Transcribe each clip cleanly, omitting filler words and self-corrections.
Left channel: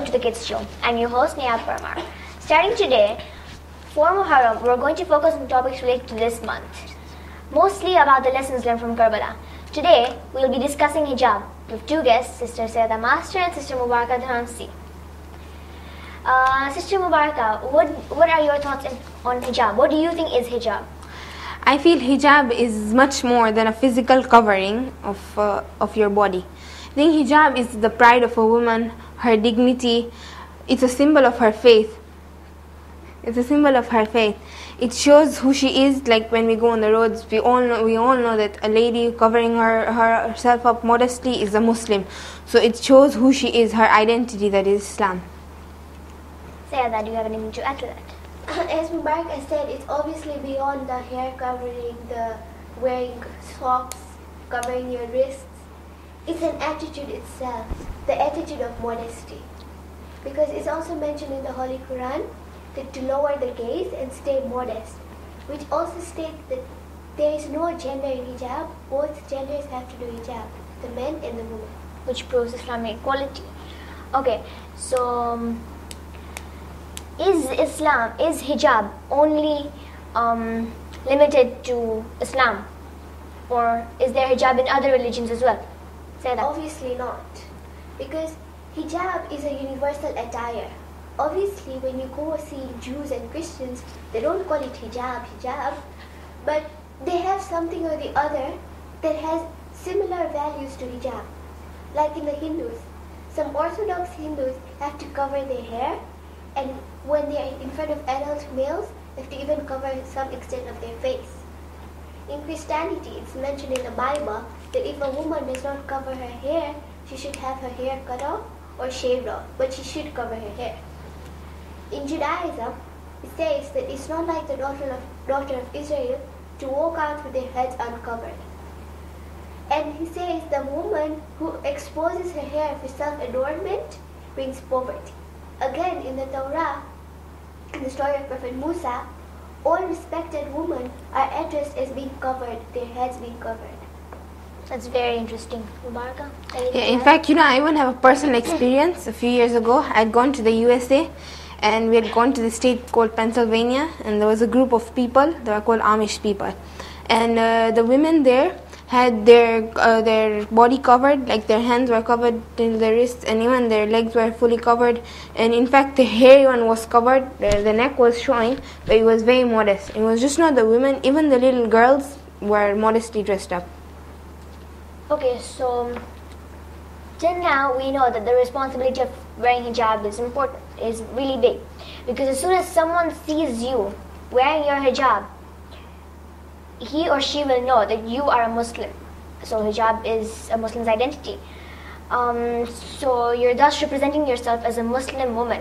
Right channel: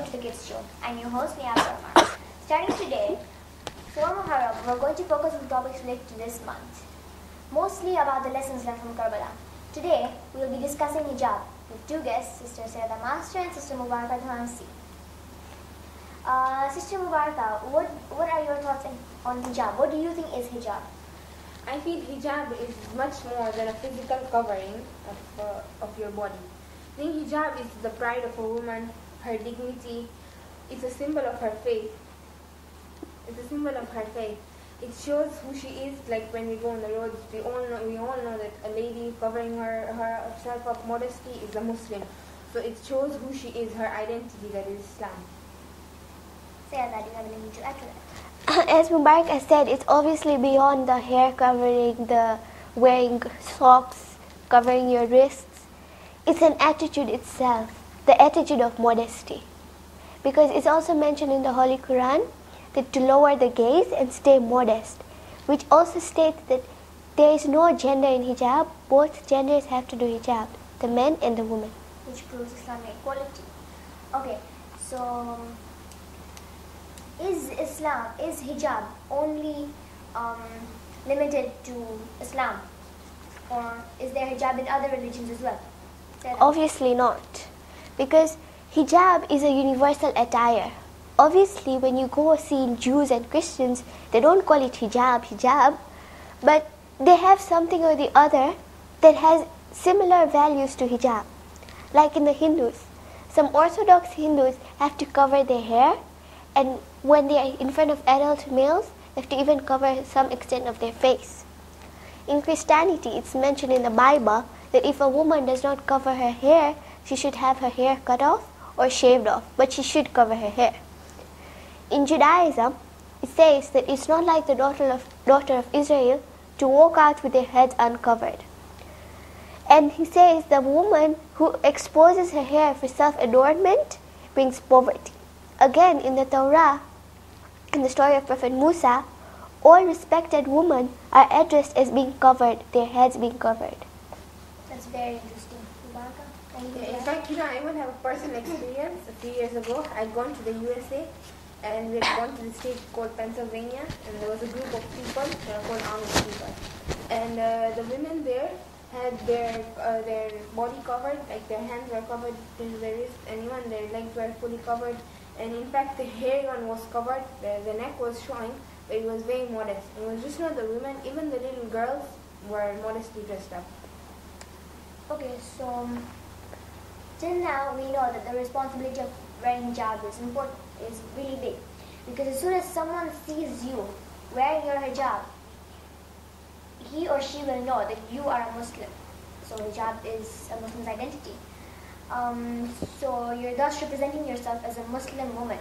welcome to the Kids Show. I'm your host Nayaab-e-Zahra. Starting today, for Muharram, we're going to focus on topics related to this month, mostly about the lessons learned from Karbala. Today, we'll be discussing hijab with two guests, Sister Sayeda Master and Sister Mubaraka Dhansi. Sister Mubaraka, what are your thoughts on hijab? What do you think is hijab? I feel hijab is much more than a physical covering of your body. I think hijab is the pride of a woman, her dignity. It's a symbol of her faith. It's a symbol of her faith. It shows who she is. Like when we go on the roads, we all know that a lady covering herself up modestly is a Muslim. So it shows who she is, her identity, that is Islam. Sayeda, do you have anything to add to that? As Mubaraka said, it's obviously beyond the hair covering, the wearing socks, covering your wrists. It's an attitude itself, the attitude of modesty. Because it's also mentioned in the Holy Quran that to lower the gaze and stay modest, which also states that there is no gender in hijab, both genders have to do hijab, the men and the women. Which proves Islamic equality. Okay, so is hijab only limited to Islam, or is there hijab in other religions as well? Obviously not, because hijab is a universal attire. Obviously, when you go see Jews and Christians, they don't call it hijab, but they have something or the other that has similar values to hijab. Like in the Hindus, some Orthodox Hindus have to cover their hair, and when they are in front of adult males, they have to even cover some extent of their face. In Christianity, it's mentioned in the Bible that if a woman does not cover her hair, she should have her hair cut off or shaved off, but she should cover her hair. In Judaism, it says that it's not like the daughter of Israel to walk out with their heads uncovered. And he says the woman who exposes her hair for self-adornment brings poverty. Again, in the Torah, in the story of Prophet Musa, all respected women are addressed as being covered, their heads being covered. That's very interesting. Mubaraka? Yeah, in fact, I even have a personal experience. A few years ago, I'd gone to the USA, and we had gone to the state called Pennsylvania, and there was a group of people, they were called Amish people. And the women there had their body covered, like their hands were covered to their wrists, and even their legs were fully covered. And in fact, the hair even was covered, the neck was showing, but it was very modest. It was just not the women, even the little girls were modestly dressed up. Okay, so till now we know that the responsibility of wearing hijab is important, is really big. Because as soon as someone sees you wearing your hijab, he or she will know that you are a Muslim. So hijab is a Muslim's identity. So you're thus representing yourself as a Muslim woman.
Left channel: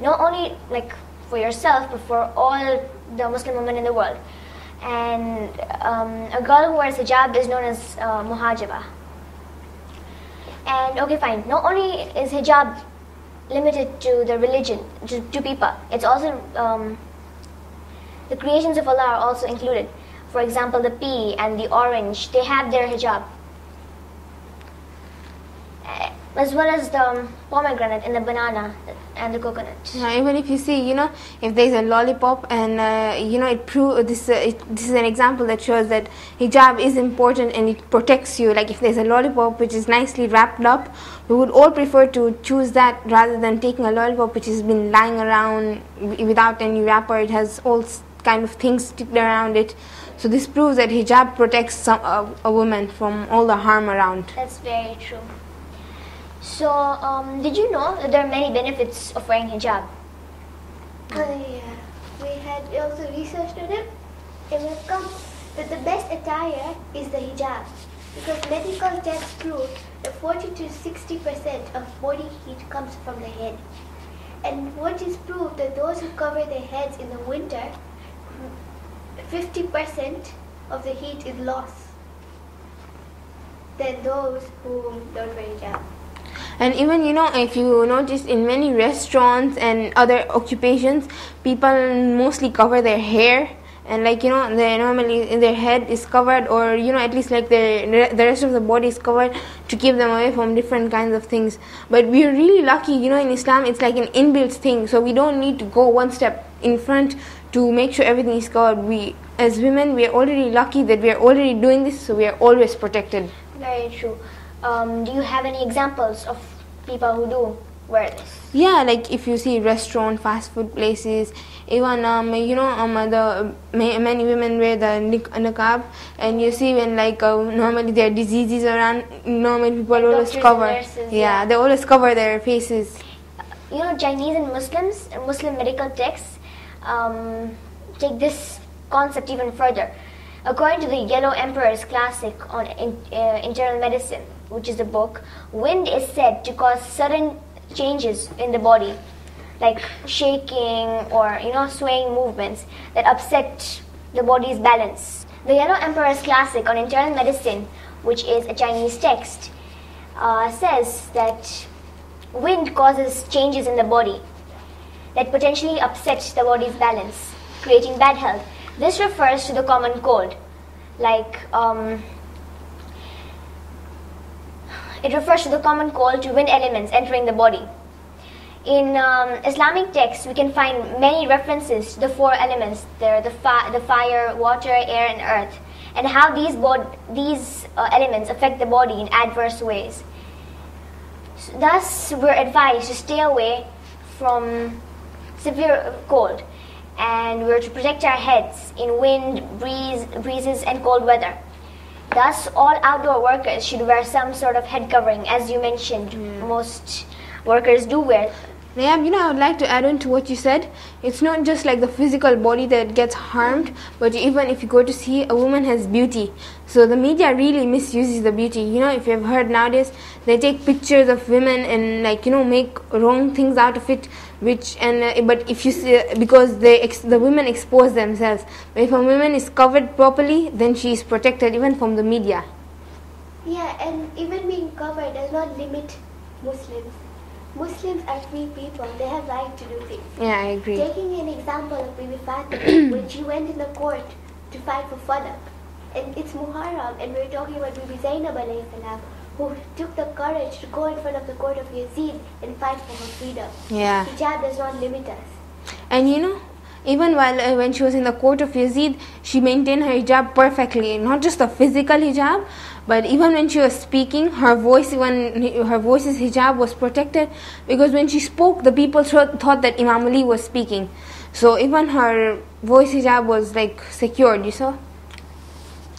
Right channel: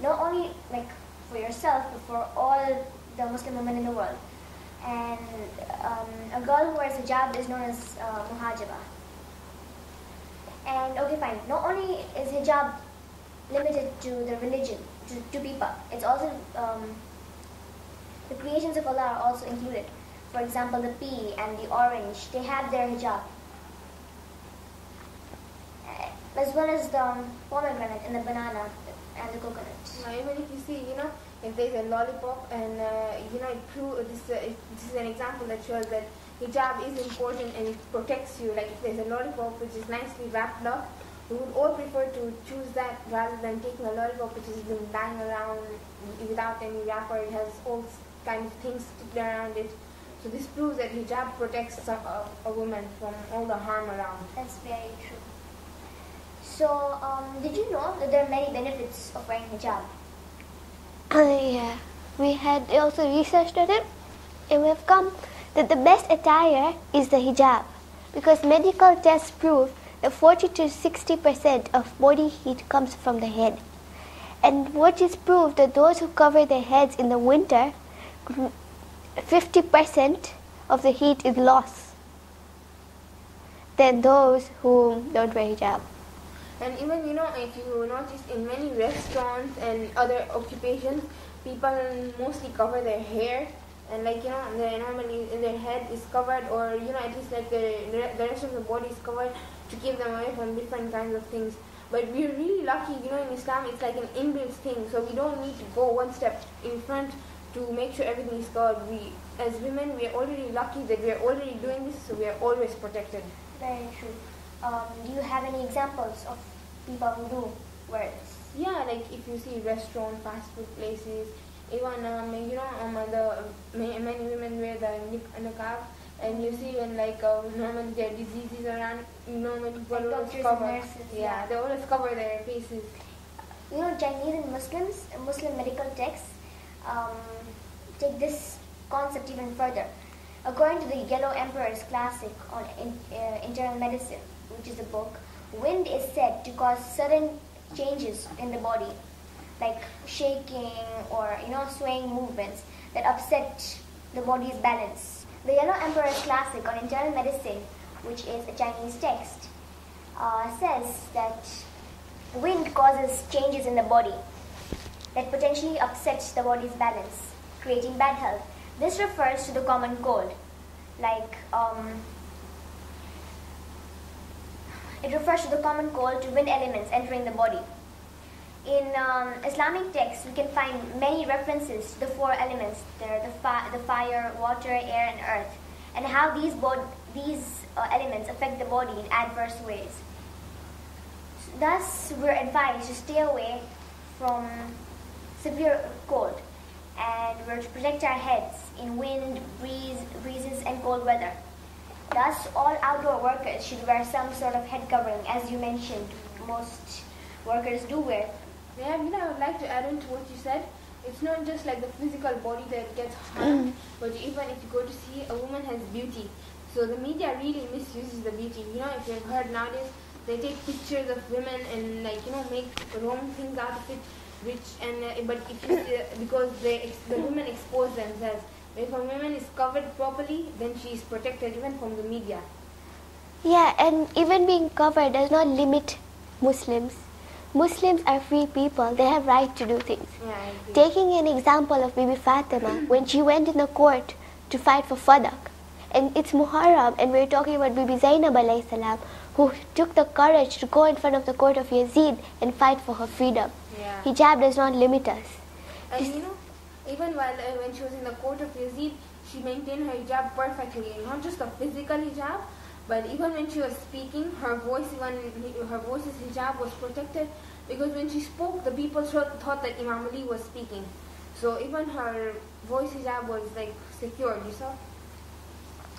Not only like for yourself, but for all the Muslim women in the world. And a girl who wears hijab is known as muhajiba. And okay, fine. Not only is hijab limited to the religion, to people, it's also the creations of Allah are also included. For example, the pea and the orange, they have their hijab. As well as the pomegranate and the banana and the coconut. Even if you see, if there's a lollipop and, this is an example that shows that hijab is important and it protects you. Like if there's a lollipop which is nicely wrapped up, we would all prefer to choose that rather than taking a lollipop which has been lying around without any wrapper. It has all kind of things sticked around it. So this proves that hijab protects a woman from all the harm around. That's very true. So, did you know that there are many benefits of wearing hijab? Yeah, we had also researched on it, and we've come that the best attire is the hijab, because medical tests prove that 40 to 60% of body heat comes from the head. And what is proved that those who cover their heads in the winter, 50% of the heat is lost than those who don't wear hijab. And even, if you notice in many restaurants and other occupations, people mostly cover their hair and like they normally their head is covered, or at least like the rest of the body is covered to keep them away from different kinds of things. But we are really lucky, in Islam it's like an inbuilt thing, so we don't need to go one step in front to make sure everything is covered. We as women, we are already lucky that we are already doing this, so we are always protected. Very true. Do you have any examples of people who do wear this? Yeah, like if you see restaurant, fast food places, even the many women wear the niqab, and you see when like normally there are diseases around, normally people always cover. Nurses, yeah, they always cover their faces. Chinese and Muslims, Muslim medical texts take this concept even further. According to the Yellow Emperor's classic on internal medicine, which is a book, wind is said to cause sudden changes in the body, like shaking or swaying movements that upset the body's balance. The Yellow Emperor's classic on internal medicine, which is a Chinese text, says that wind causes changes in the body that potentially upset the body's balance, creating bad health. This refers to the common cold, like it refers to the common cold to wind elements entering the body. In Islamic texts, we can find many references to the four elements. They're the fire, water, air, and earth, and how these elements affect the body in adverse ways. Thus, we're advised to stay away from severe cold, and we're to protect our heads in wind, breezes, and cold weather. Thus, all outdoor workers should wear some sort of head covering, as you mentioned. Most workers do wear. Yeah, I would like to add on to what you said. It's not just like the physical body that gets harmed, but even if you go to see, a woman has beauty. So the media really misuses the beauty. If you've heard nowadays, they take pictures of women and make wrong things out of it. But if you see, because the women expose themselves. But if a woman is covered properly, then she is protected even from the media. Yeah, and even being covered does not limit Muslims. Muslims are free people. They have right to do things. Yeah, I agree. Taking an example of Bibi Fatima, when she went in the court to fight for Fadak, and it's Muharram, and we're talking about Bibi Zainab alayhi salam, who took the courage to go in front of the court of Yazid and fight for her freedom. Yeah. Hijab does not limit us. And even when she was in the court of Yazid, she maintained her hijab perfectly. Not just the physical hijab, but even when she was speaking, her voice's hijab was protected, because when she spoke, the people thought that Imam Ali was speaking. So even her voice hijab was like secured, you saw?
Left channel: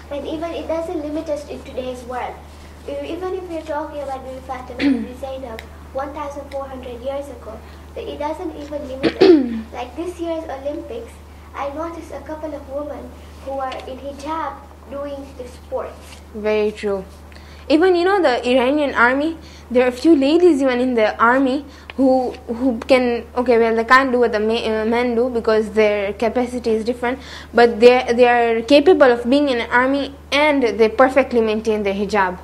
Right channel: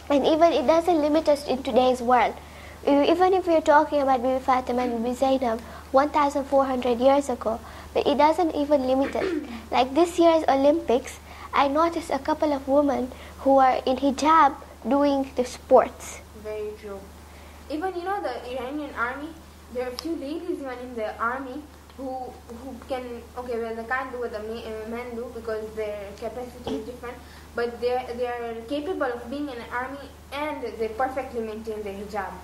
And even it doesn't limit us in today's world. Even if we're talking about Bibi Fatima and Bibi Zainab 1,400 years ago, but it doesn't even limit us. Like this year's Olympics, I noticed a couple of women who are in hijab doing the sports. Very true. Even the Iranian army, there are a few ladies even in the army who can, they can't do what the men do because their capacity is different, but they are capable of being in an army and they perfectly maintain their hijab.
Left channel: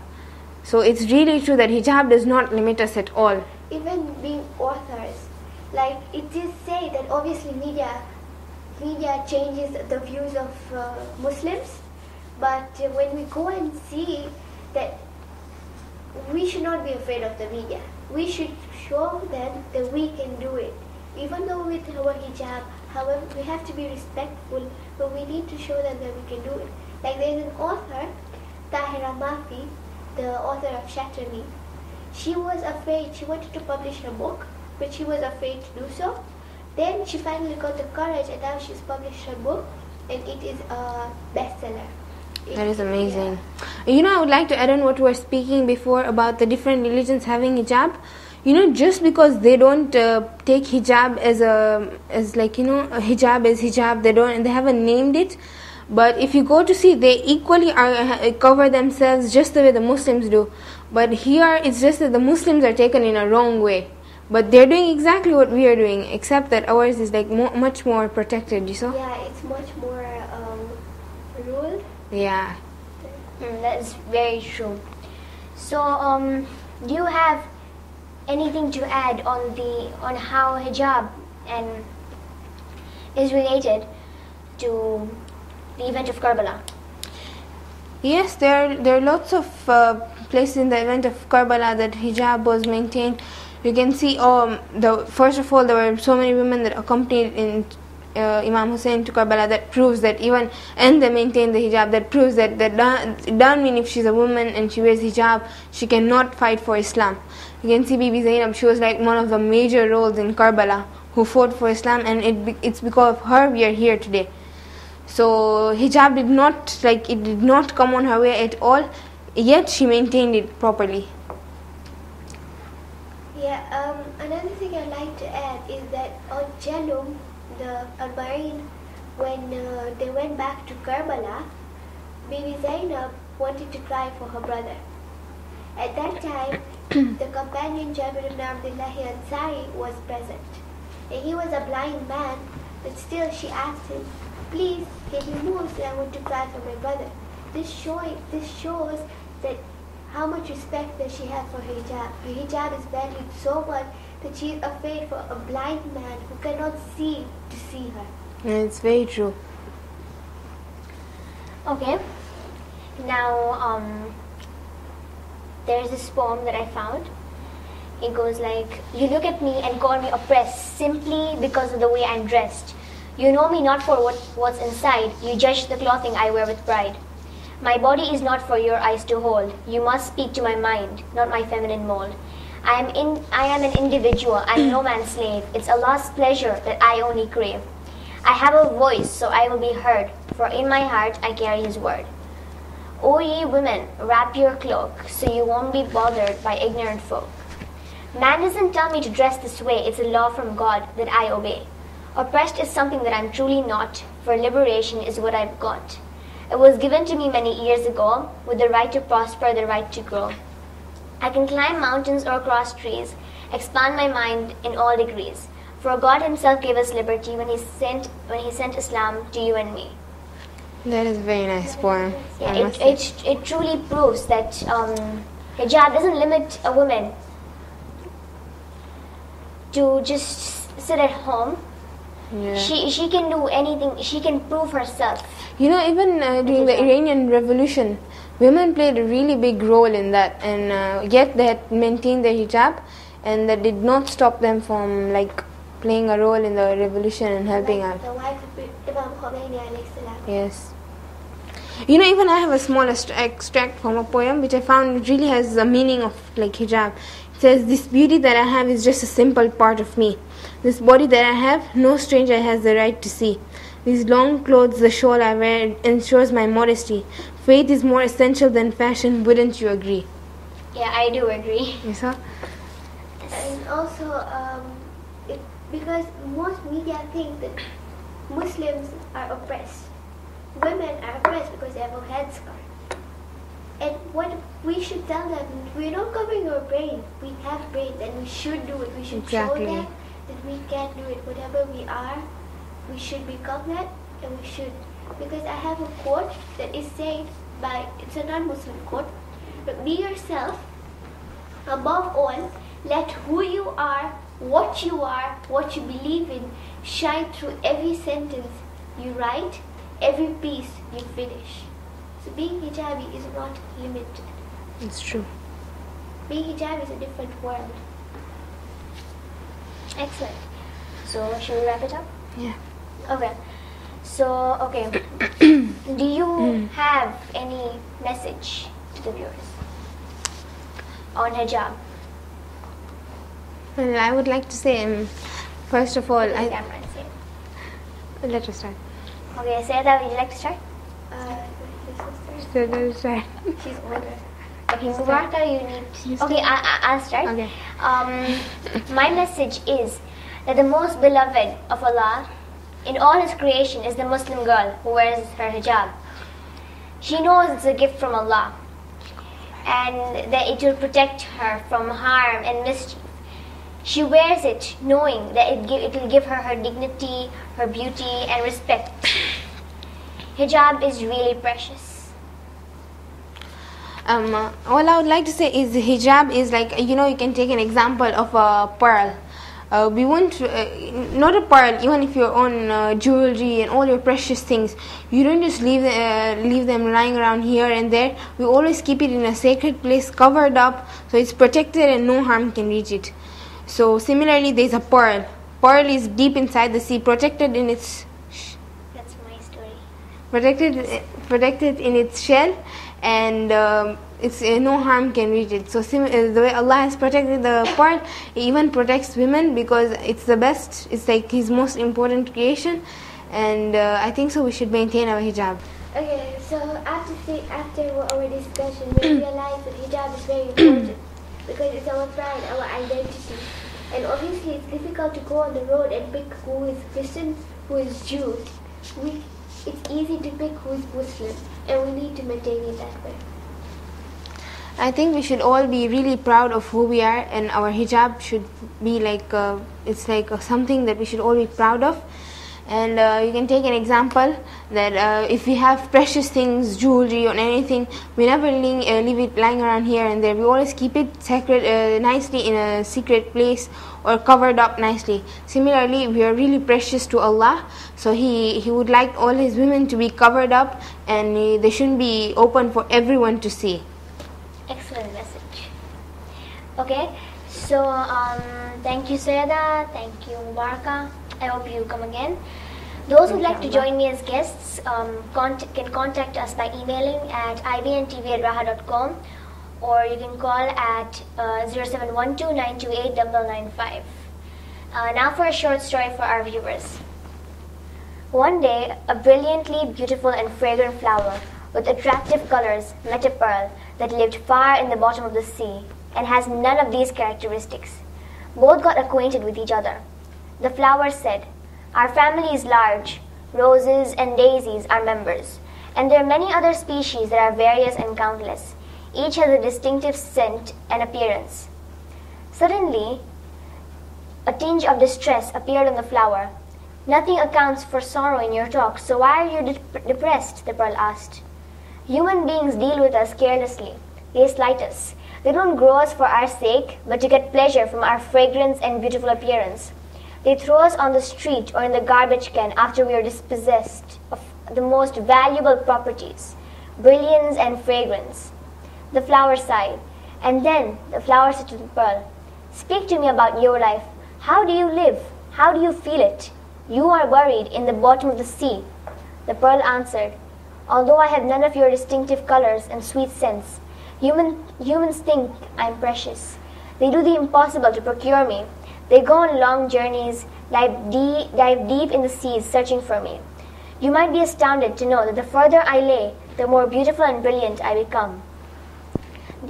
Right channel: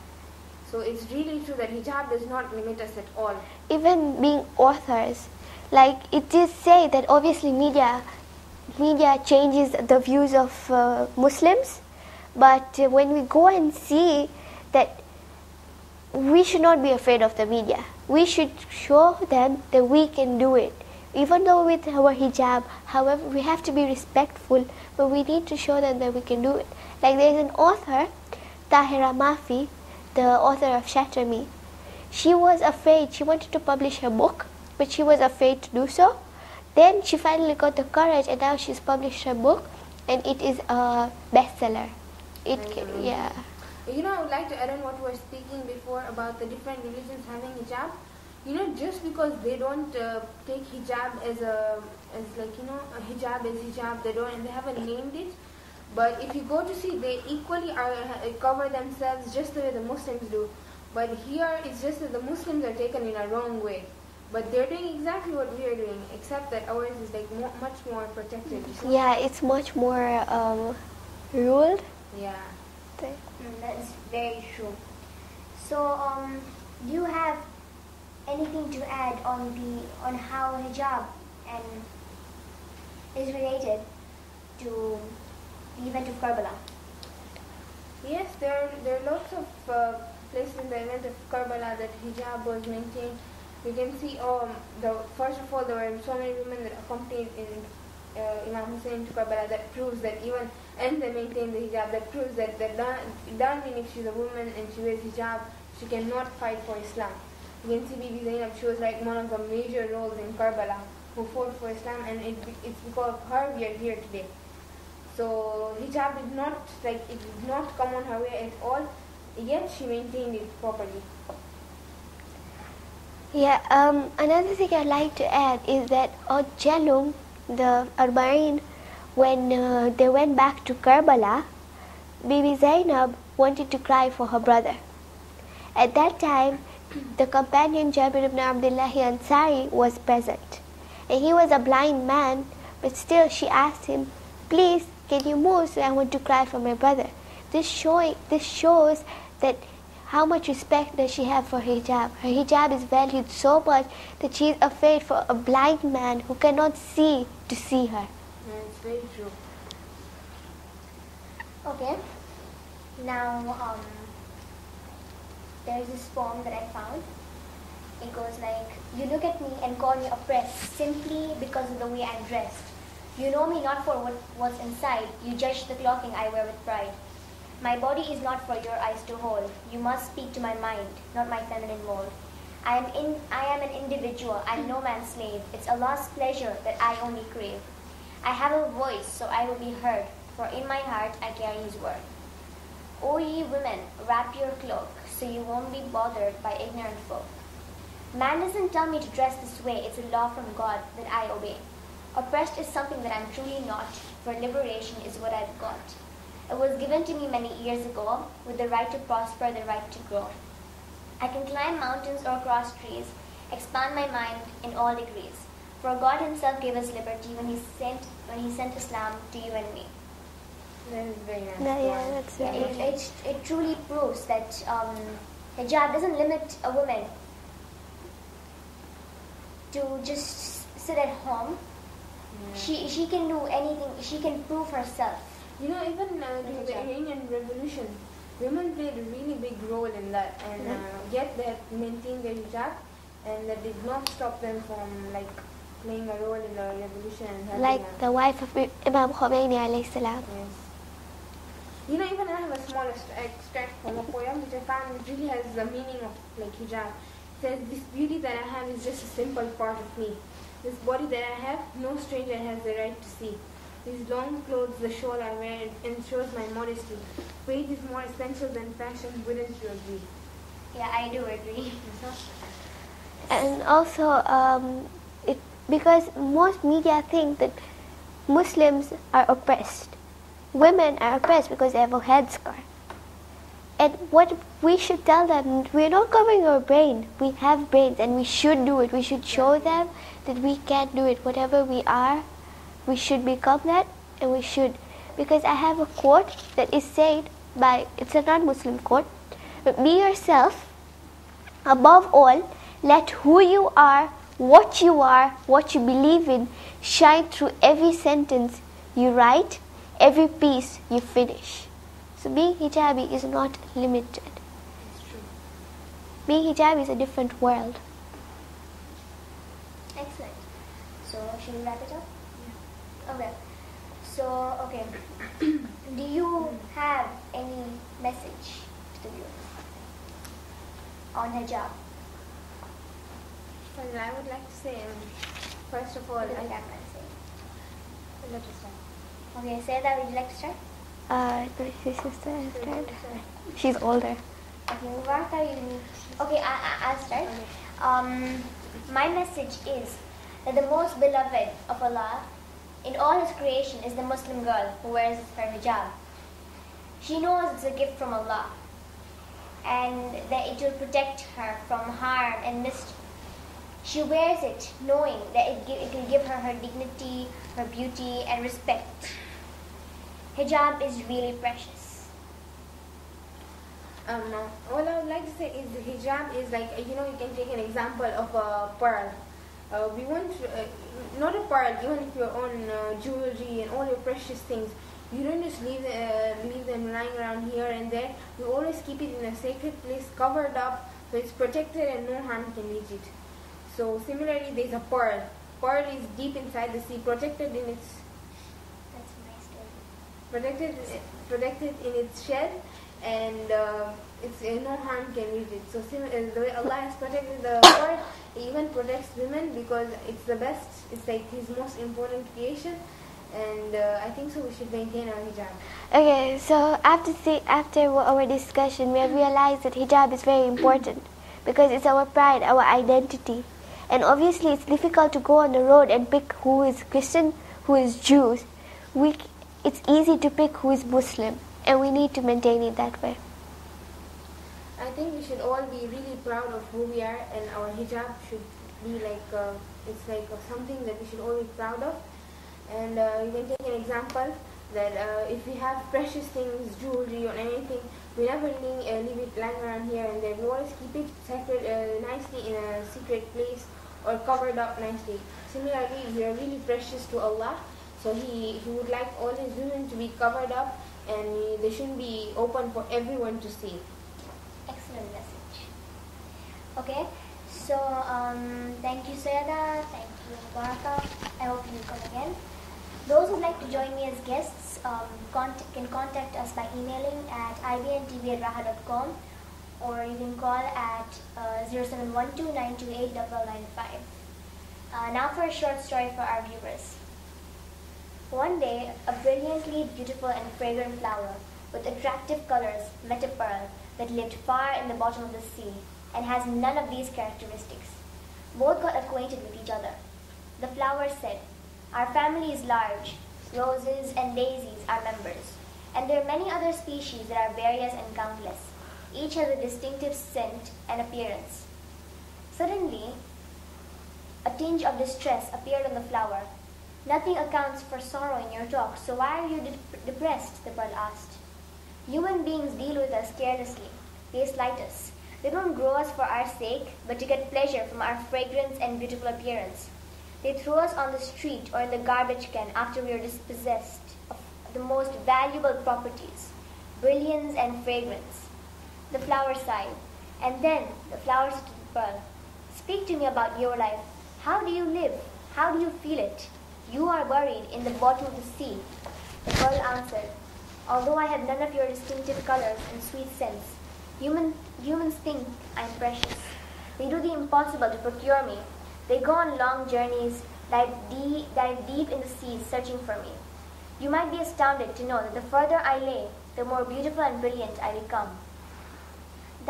So it's really true that hijab does not limit us at all. Even being authors, like it is said that obviously media changes the views of Muslims, but when we go and see that we should not be afraid of the media. We should show them that we can do it. Even though with our hijab, however, we have to be respectful, but we need to show them that we can do it. Like there is an author, Tahira Mafi, the author of Shatter Me. She was afraid. She wanted to publish her book, but she was afraid to do so. Then she finally got the courage, and now she's published her book, and it is a bestseller. That is amazing. Yeah. I would like to add on what we were speaking before about the different religions having hijab. Just because they don't take hijab as hijab is hijab, they haven't named it. But if you go to see, they equally cover themselves just the way the Muslims do. But here it's just that the Muslims are taken in a wrong way. But they're doing exactly what we are doing, except that ours is like much more protected, you saw? Yeah, it's much more ruled. Yeah. That is very true. So, do you have anything to add on how hijab is related to the event of Karbala? Yes, there are lots of places in the event of Karbala that hijab was maintained. You can see, first of all, there were so many women that accompanied in Imam Hussein to Karbala. That proves that even, and they maintained the hijab. That proves that it doesn't mean if she's a woman and she wears hijab, she cannot fight for Islam. You can see Bibi Zainab, she was like one of the major roles in Karbala who fought for Islam, and it's because of her we are here today. So hijab did not come on her way at all, yet she maintained it properly. Yeah, another thing I'd like to add is that on Jalum, the Arba'in, when they went back to Karbala, Bibi Zainab wanted to cry for her brother. At that time, the companion Jabir ibn Abdullah Ansari was present. And he was a blind man, but still she asked him, please, can you move so I want to cry for my brother? This shows that how much respect does she have for hijab. Her hijab is valued so much that she is afraid for a blind man who cannot see to see her. It's very true. Okay. Now, there's this poem that I found. It goes like, you look at me and call me oppressed simply because of the way I'm dressed. You know me not for what's inside. You judge the clothing I wear with pride. My body is not for your eyes to hold. You must speak to my mind, not my feminine mold. I am an individual. I'm no man's slave. It's Allah's pleasure that I only crave. I have a voice, so I will be heard, for in my heart I carry His word. O ye women, wrap your cloak, so you won't be bothered by ignorant folk. Man doesn't tell me to dress this way. It's a law from God that I obey. Oppressed is something that I'm truly not, for liberation is what I've got. It was given to me many years ago, with the right to prosper, the right to grow. I can climb mountains or cross trees, expand my mind in all degrees. For God Himself gave us liberty when He sent Islam to you and me. That is a very nice poem. Yeah, it truly proves that hijab doesn't limit a woman to just sit at home. Yeah. She can do anything. She can prove herself. You know, even during the Iranian Revolution, women played a really big role in that, and yet they had maintained their hijab, and that did not stop them from playing a role in the revolution and helping out. Like the wife of Imam Khomeini alayhi salam. Yes. You know, even I have a small extract from a poem which I found it really has a meaning of hijab. It says, this beauty that I have is just a simple part of me. This body that I have, no stranger has the right to see. These long clothes, the shawl I wear, ensures my modesty. Faith is more essential than fashion, wouldn't you agree? Yeah, I do agree. Yes, sir? And also, because most media think that Muslims are oppressed. Women are oppressed because they have a headscarf. And what we should tell them, we're not covering our brain. We have brains and we should do it. We should show them that we can do it. Whatever we are, we should become that, and we should. Because I have a quote that is said by, it's a non-Muslim quote, but be yourself, above all, let who you are, what you believe in, shine through every sentence you write, every piece you finish. So being hijabi is not limited. It's true. Being hijabi is a different world. Excellent. So, should we wrap it up? Yeah. Okay. So, okay. Do you have any message to the viewers on hijab? Well, I would like to say, first of all, Let us start. Okay, Sayeda, would you like to start? My sister. So let us start. She's older. Okay, Mubaraka, you need... Okay, I'll start. Okay. My message is that the most beloved of Allah in all His creation is the Muslim girl who wears her hijab. She knows it's a gift from Allah and that it will protect her from harm and mischief. She wears it knowing that it will give her her dignity, her beauty and respect. Hijab is really precious. All I would like to say is hijab is you can take an example of a pearl. we won't, not a pearl, even if your own jewelry and all your precious things, you don't just leave them lying around here and there. We always keep it in a sacred place, covered up, so it's protected and no harm can reach it. So similarly, there's a pearl. Pearl is deep inside the sea, protected in its That's my story. protected in its shell, and it's no harm can reach it. So the way Allah has protected the pearl, He even protects women because it's the best. It's like His most important creation, and I think so. We should maintain our hijab. Okay, so after our discussion, we realized that hijab is very important because it's our pride, our identity. And obviously it's difficult to go on the road and pick who is Christian, who is Jews. It's easy to pick who is Muslim, and we need to maintain it that way. I think we should all be really proud of who we are, and our hijab should be like, it's like something that we should all be proud of. And you can take an example that if we have precious things, jewelry or anything, we never leave it lying around here and there. We always keep it sacred, nicely in a secret place or covered up nicely. Similarly, we are really precious to Allah, so He would like all His women to be covered up, and they shouldn't be open for everyone to see. Excellent message. Okay, so thank you Sayada, thank you Mubaraka. I hope you come again. Those who'd like to join me as guests can contact us by emailing at ibntv@raha.com, or you can call at 0712-928-9995. Now for a short story for our viewers. One day, a brilliantly beautiful and fragrant flower with attractive colors met a pearl that lived far in the bottom of the sea and has none of these characteristics. Both got acquainted with each other. The flower said, "Our family is large. Roses and daisies are members, and there are many other species that are various and countless. Each has a distinctive scent and appearance." Suddenly, a tinge of distress appeared on the flower. "Nothing accounts for sorrow in your talk, so why are you depressed?" the pearl asked. "Human beings deal with us carelessly. They slight us. They don't grow us for our sake, but to get pleasure from our fragrance and beautiful appearance. They throw us on the street or in the garbage can after we are dispossessed of the most valuable properties, brilliance and fragrance." The flower sighed, and then the flower said to the pearl, "Speak to me about your life. How do you live? How do you feel it? You are buried in the bottom of the sea." The pearl answered, "Although I have none of your distinctive colors and sweet scents, humans think I am precious. They do the impossible to procure me. They go on long journeys, dive deep in the seas searching for me. You might be astounded to know that the further I lay, the more beautiful and brilliant I become.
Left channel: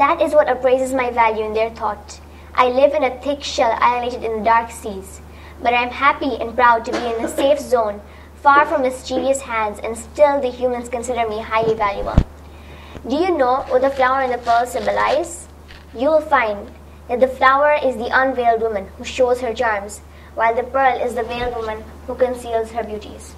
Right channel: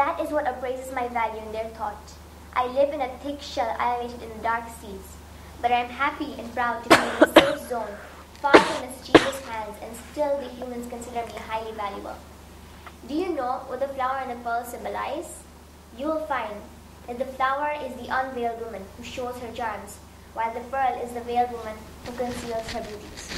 That is what appraises my value in their thought. I live in a thick shell isolated in the dark seas, but I am happy and proud to be in a safe zone, far from mischievous hands, and still the humans consider me highly valuable." Do you know what the flower and the pearl symbolize? You will find that the flower is the unveiled woman who shows her charms, while the pearl is the veiled woman who conceals her beauties.